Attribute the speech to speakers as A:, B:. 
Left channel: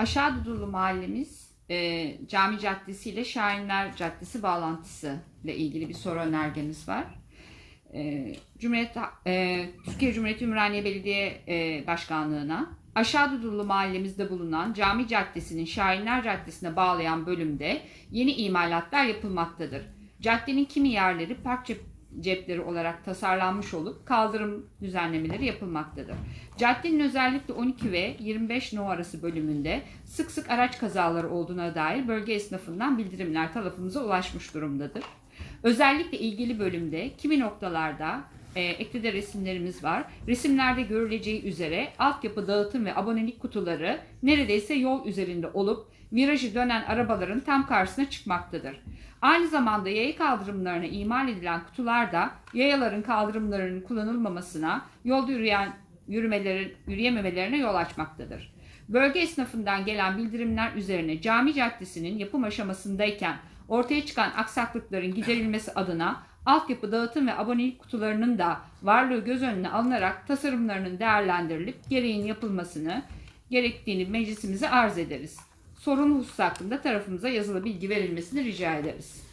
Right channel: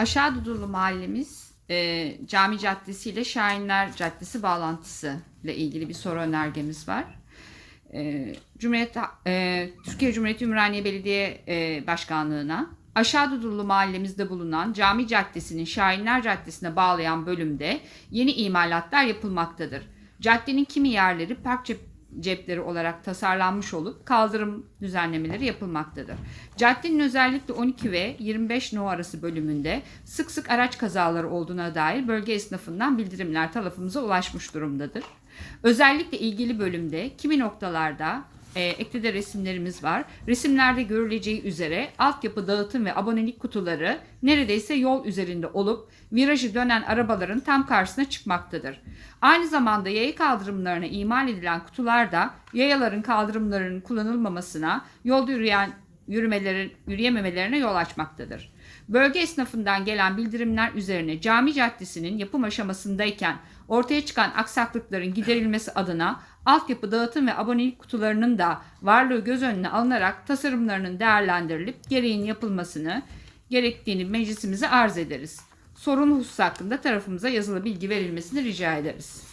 A: Aşağı Dudullu mahallemiz e, Cami Caddesi ile Şahinler Caddesi bağlantısı ile ilgili bir soru önergemiz var. E, Cumhuriyet e, Türkiye Cumhuriyeti Ümraniye Belediye e, Başkanlığı'na Aşağı Dudullu mahallemizde bulunan Cami Caddesi'nin Şahinler Caddesi'ne bağlayan bölümde yeni imalatlar yapılmaktadır. Caddenin kimi yerleri park cep- cepleri olarak tasarlanmış olup kaldırım düzenlemeleri yapılmaktadır. Caddenin özellikle 12 ve 25 no arası bölümünde sık sık araç kazaları olduğuna dair bölge esnafından bildirimler tarafımıza ulaşmış durumdadır. Özellikle ilgili bölümde kimi noktalarda e, eklide resimlerimiz var. Resimlerde görüleceği üzere altyapı dağıtım ve abonelik kutuları neredeyse yol üzerinde olup virajı dönen arabaların tam karşısına çıkmaktadır. Aynı zamanda yaya kaldırımlarına imal edilen kutular da yayaların kaldırımlarının kullanılmamasına, yolda yürüyen yürümelerin yürüyememelerine yol açmaktadır. Bölge esnafından gelen bildirimler üzerine Cami Caddesi'nin yapım aşamasındayken ortaya çıkan aksaklıkların giderilmesi adına altyapı dağıtım ve abonelik kutularının da varlığı göz önüne alınarak tasarımlarının değerlendirilip gereğin yapılmasını gerektiğini meclisimize arz ederiz. Sorunlu husus hakkında tarafımıza yazılı bilgi verilmesini rica ederiz.